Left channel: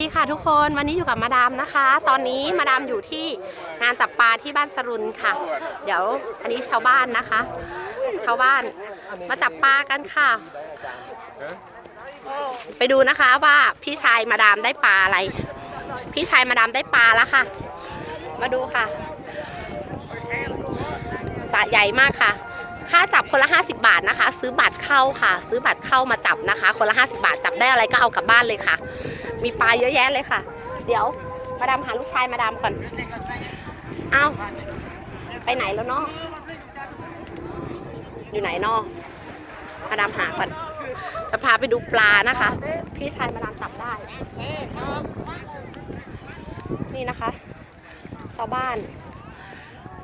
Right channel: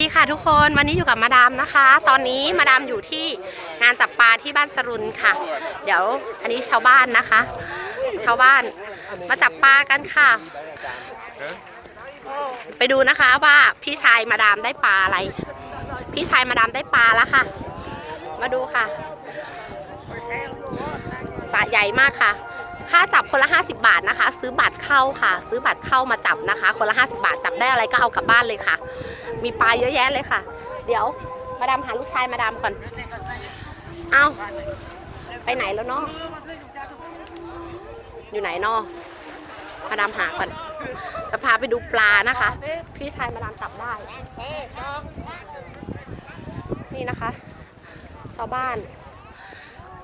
สวัสดีค่ะทุกคนวันนี้อยู่กับมาดามนะคะ ตอนนี้มาดามอยู่ที่งานจับปลาที่บ้านสรุนค่ะ เดี๋ยวอันนี้ชาวบ้านนะคะ ชาวบ้านมาจับปลากันค่ะ ไปดูนะคะว่าพี่ชายมาดามได้ปลาอะไร พี่ชายมาดามได้ปลาแล้วค่ะ มาดูค่ะสะใหญ่มากค่ะ ค่าจับคนละ 50 บาทนะคะ ซื้อบัตรเข้าค่ะ ซื้อบัตรเข้ามาจับนะคะ คนละ 50 บาทจับได้อะไรก็เอากลับบ้านเลยค่ะ มีปลาเยอะแยะเลยค่ะ เดี๋ยวมาดามหาลูกชายมาดามก่อน เอาไปไหนแล้วเนาะอยู่ไหนเนาะมาดามหาก่อน จะพาไปดูปลานะคะ พี่ชายมาดามจับได้ นี่นะคะ ชาวบ้าน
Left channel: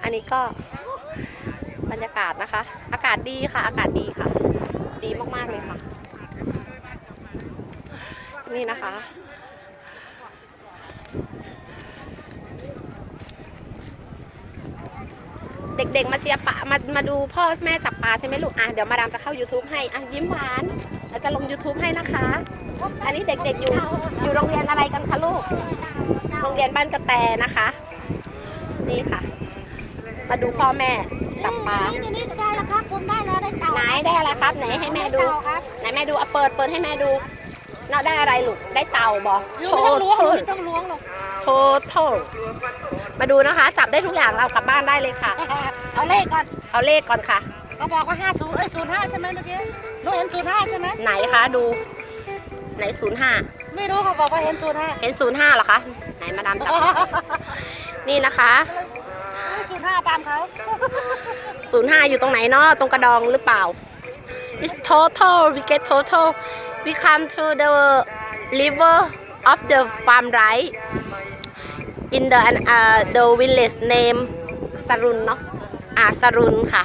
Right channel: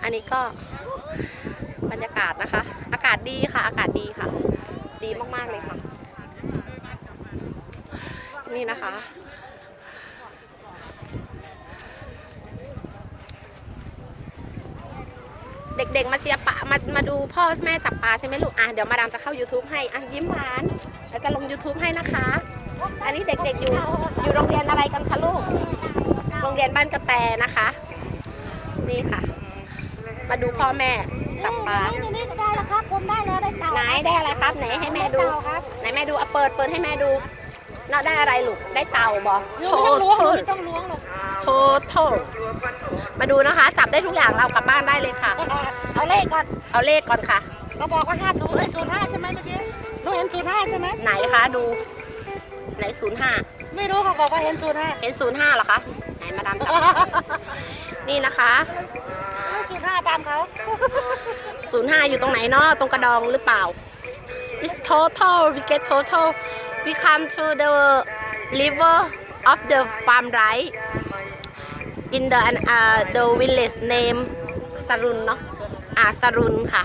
อันนี้ก็บรรยากาศนะคะ อากาศดีค่ะ อากาศดีค่ะ ดีมากๆเลยค่ะ นี่นะคะ เด็กๆ มาเชียร์ปลามามาดูพ่อแม่จับปลาใช่ไหมลูกอะเดี๋ยวมาดามจะเข้า YouTube ให้อะยิ้มหวานเดี๋ยวจะลง YouTube ให้นะคะ อันนี้เด็กๆอยู่อยู่โรงเรียนอะไรกันคะลูก โรงเรียนบ้านกระแตนะคะ นี่ค่ะ มาดูพ่อแม่จับปลานี่นี่ก็ได้แล้วครับผมได้แล้วได้เต่าไหนได้อะไรครับไหนให้แม่ดูไเต่าครับไหนแม่ดูเอาเปิดเปิดให้แม่ดูเนาะได้อะไรลูกได้เต่าบอไม่ต้องล้วงหนูไม่ต้องล้วงหรอก โทโทมาดูนะคะ จับได้ทุกอย่างเรากลับบ้านได้เลยค่ะ เอาเลขก่อน เอาเลขก่อนค่ะ ก็บอกว่า50เอ้ย05 ใช่ไหมเมื่อกี้หนูเห็น05 ใช่ไหมไหนคะดู ไหนศูนย์ห้าไม่รู้เขาบอกว่าเห็น05 เห็นศูนย์ห้าเหรอคะ ไหนมาดามจับ นี่นะคะ05ตามเขาศูนย์ห้าอยู่ตรงไหนเนาะตรงกระดองหรือเปล่า It's total we get total we come to the river of the farm right in the uh, the village name สรุนเนาะอ่าสรุนค่ะ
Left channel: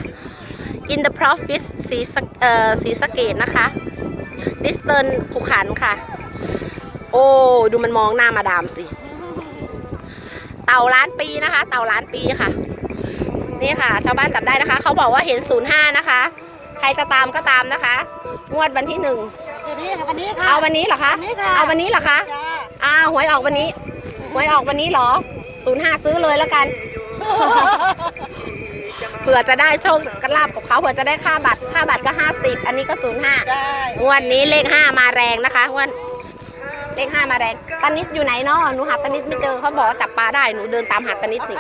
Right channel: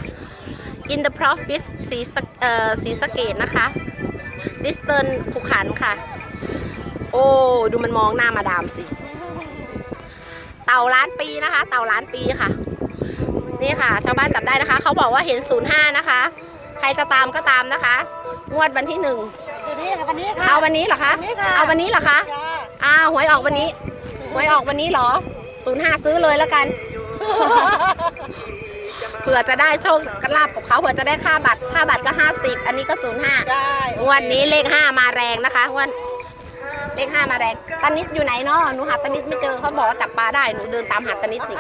in the province ศรีสะเอ่อศรีสะเกดนะคะ Eastern ภูขันค่ะ โอ้ดูมันมองหน้ามาดามสิ เต่าล้านปีนะคะ เต่าล้านปีค่ะ นี่ค่ะ ชาวบ้านจับได้นะคะ เขาบอกว่าเห็น 05 นะคะ ใครจะตามก็ตามนะคะ งวดวันที่หนึ่งวันนี้ค่ะวันนี้ค่ะเอาวันนี้เหรอคะ วันนี้ค่ะ เอาวันนี้เหรอคะ จ้าอ้าวหวยออกวันนี้ หวยออกวันนี้เหรอ05ซื้อเลยแล้วกัน เผื่อจะได้โชคกระลาบกับเขาเผื่อจะได้ค่าบัตร ค่าบัตรก็50อันนี้ก็05ใช่งวดนี้เลข5มาแรงนะคะงวดเลข5มาแรงตานิดอยู่ไหนเนาะหนูหาตานิดไม่เจอเขาบอกว่าจับปลาได้หนูเดินตามหาตานิดนี่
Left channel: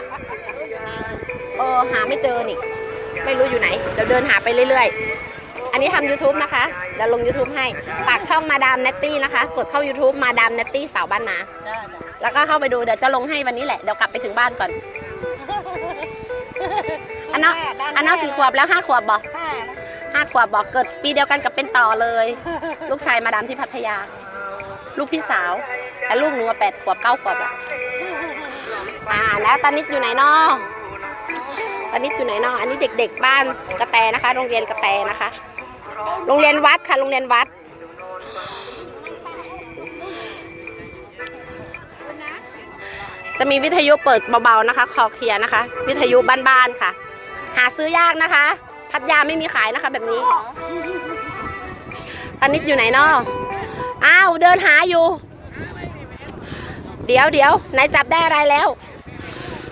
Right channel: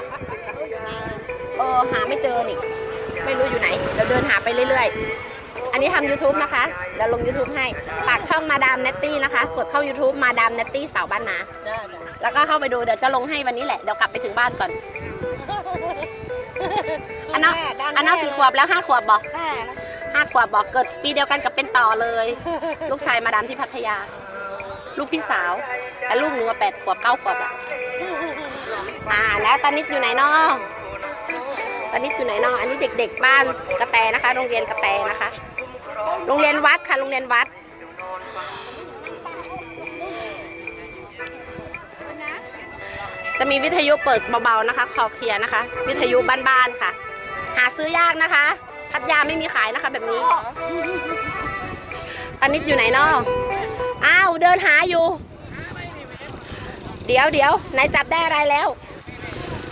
เออหาไม่เจอนี่ ไม่รู้อยู่ไหนเดี๋ยวเดินหาไปเรื่อยๆ อันนี้ทำ YouTube นะคะเดี๋ยวลง YouTube ให้ฝากช่องมาดามเนตตี้นะคะ กดเข้า YouTube มาดามเนตตี้สาวบ้านนาจ้าจ้าแล้วก็เข้าไปดูเดี๋ยวจะลงให้วันนี้แหละเดี๋ยวกลับไปถึงบ้านก่อน อันนั้นอันนั้นกี่ขวบแล้วห้าขวบบอกห้านะห้าขวบบอกเกิดปีเดียวกันกับเป็นต่อเลย ลูกชายมาดามที่พัทยา ลูกพี่สาวแต่ลูกหนูอะแปดขวบเก้าขวบอะอ่าแล้วตานิดอยู่ไหนนอตานิดอยู่ไหนนออันนี้เด็ก ๆ บ้านกระแตนะคะ โรงเรียนกระแตนะคะ โรงเรียนวัดค่ะ โรงเรียนวัด จะมีวิทยุเปิดเบาๆนะคะคอเคลียร์นะคะ วิทยุบ้านๆค่ะ หาซื้อยากนะคะ พัทยาไม่มีขายนะคะ แบบนี้ตานิดอยู่ไหนนาะอ้าวเดินหาอยู่ เดี๋ยวเดี๋ยวไหนจับได้อะไรแล้ว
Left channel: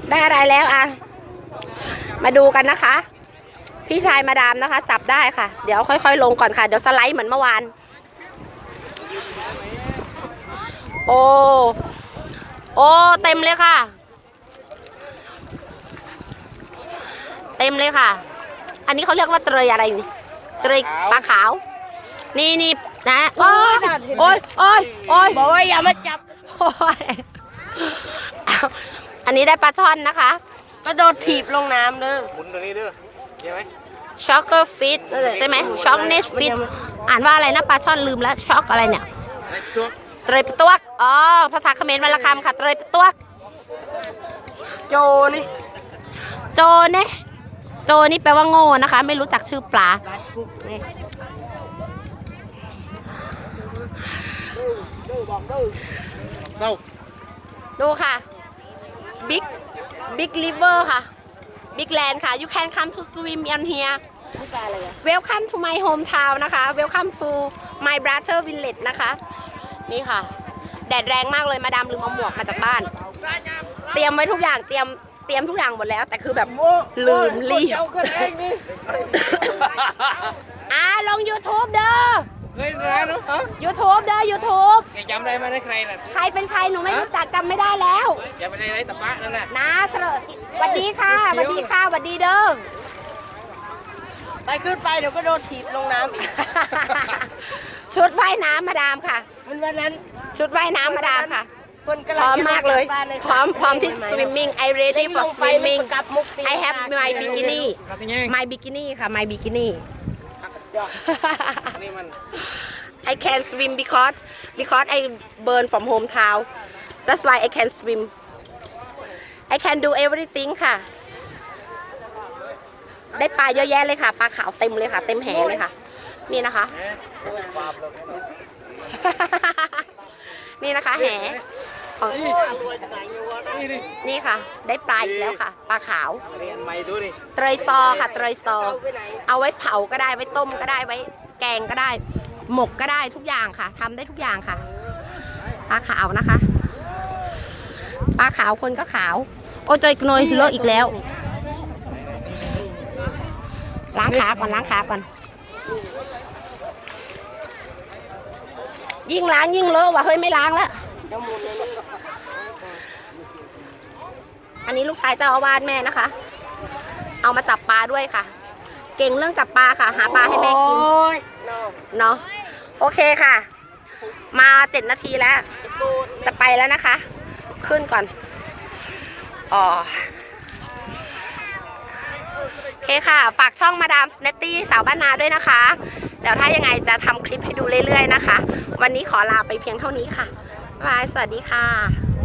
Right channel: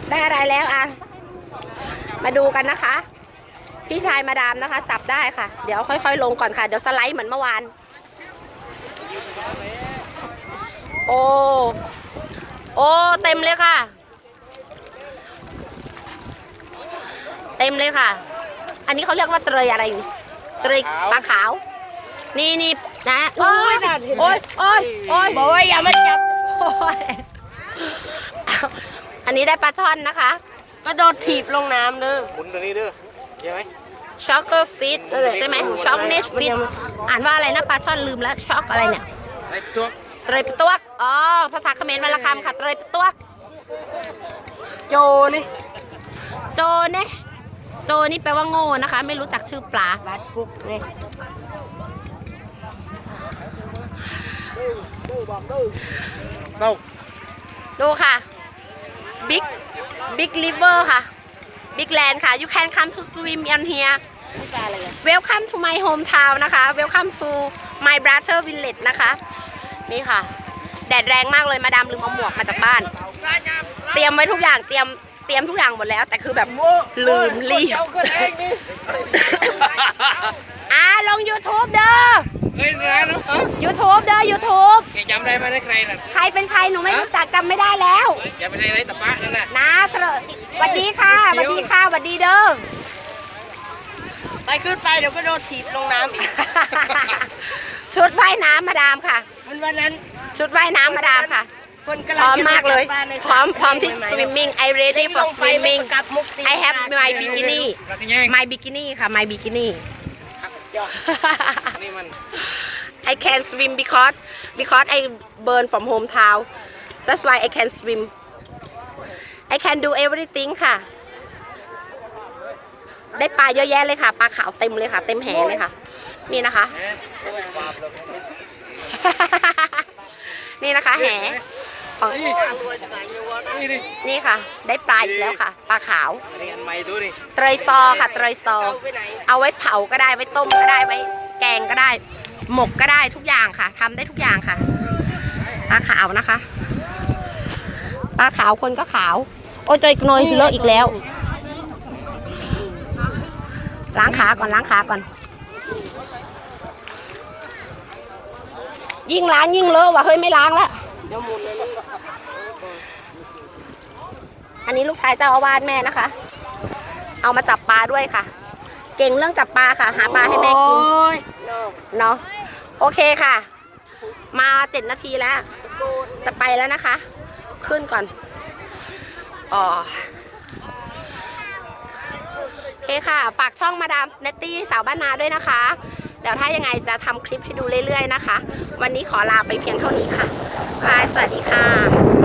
ได้อะไรแล้วอะ มาดูกันนะคะ พี่ชายมาดามนะคะ จับได้ค่ะ เดี๋ยวค่อย ๆ ลงก่อนค่ะ เดี๋ยวสไลด์เหมือนเมื่อวาน โอ้ โอ้ เต็มเลยค่ะ เต็มเลยค่ะ อันนี้เขาเรียกว่าเตยอะไรนี่เตยปลาขาว นี่นี่นะโอ้ยโอ้ยโอ้ยโอ้ยบอกว่าอย่ามาจับโอ้ยอันนี้ได้ปลาช่อนนะคะ ก็โดนถีบลงน้ำเลยหมุนตรงนี้เด้อใช่ไหมช็อกเกอร์ฟิตใช่ไหมช็อกเนสฟิตอ่านว่าอะไรนะปลาช่อนลืมแล้วช็อกอะไรเนี่ยไอ้ตัวเตยปะตวกอ๋อภาษาเขมรวันละคำค่ะเตยปะตวกโจนี่โจเนี่ยโจนี่แปลว่าโง่นะคะ ไม่รู้จักชื่อปลาบัดกุ๊กนี่เต้าดูค่ะ Big Big River ค่ะ Big Land ค่ะ you can come to swim in here นี่ปลาอะไรอะ welcome to my hometown นะคะ welcome to my brother village นะคะ นี่ค่ะ แดดแรงมากเลยมาดามลืมเอาหมวกมาจากบ้าน เตรียมไว้ทุกอย่างเตรียมเตรียมทุกอย่างหมดแล้ว แต่คือแบบลืมรีบ อ่าลง YouTube เด้อ เฮ้ยร้านเนาะ YouTube เด้อ YouTube แกจำได้ไหมได้ใครน่ะใครเป็นใครหนูไม่รู้จักจำไม่ได้แล้วแกไม่ได้ไรตะปะนั่นน่ะ นะสระสวัสดีค่ะสวัสดีค่ะสวัสดีเด้อ ไปขึ้นไปเดี๋ยวก็โดนถีบลงน้ำอีก ชุดว่ายน้ำมาดามค่ะ มันวันนั้นชุดว่ายน้ำมาดามค่ะ คนกำพลังร้อมมากเลยจะกบบ้านในพร้อมพร้อมที่ swimming I ready ล for งไป swimming กับมุกตี I have my bikini เราจะแย่ง my bikini ค่ะ my bikini นี่มัน I can swim because because I burn from hometown that's why I can swim I can do everything ค่ะ ได้ปลาเยอะแยะเลยค่ะ ปลาขาวเต็มเลยค่ะ เต็มแหเลยค่ะ นี่นะคะ นี่นะคะแห ของนี่ดินี่ค่ะ ได้ปลาอีกแล้วค่ะ ปลาขาว เรียนใหม่ดูดิเตยซอค่ะเตยซอ เอาไว้เผาก็ได้ ไว้ต้มก็ได้ ไว้ แกงก็ได้ หมกก็ได้ทุกอย่างค่ะทำได้ทุกอย่างค่ะ ปลาขาวนะคะ ปลาขาวคนก็ขาว โอ้ยจอยกนอยเลอะอีกแล้ว ล้างขาก่อนล้างขาก่อน ยิ่งล้างยิ่งเลอะว่ะ เฮ้ยไม่ล้างแล้ว อันนี้ลูกชายเจ้าอาวาสแม่นะคะ เอามาจับปลาด้วยค่ะ เก่งเรื่องจับปลาค่ะ หาปลาให้แม่กินเนาะโอเคค่ะ มาเจ็ดนาทีแล้ว จะไปแล้วนะคะ ขึ้นก่อนอ๋อโอเคค่ะ ฝากช่องมาดามเนตตี้สาวบ้านนาด้วยนะคะ เดี๋ยวถ้ายังไงจะทำคลิปให้ดูเรื่อยๆนะคะ วันนี้ขอลาไปเพียงเท่านี้ค่ะ บาย สวัสดีค่ะ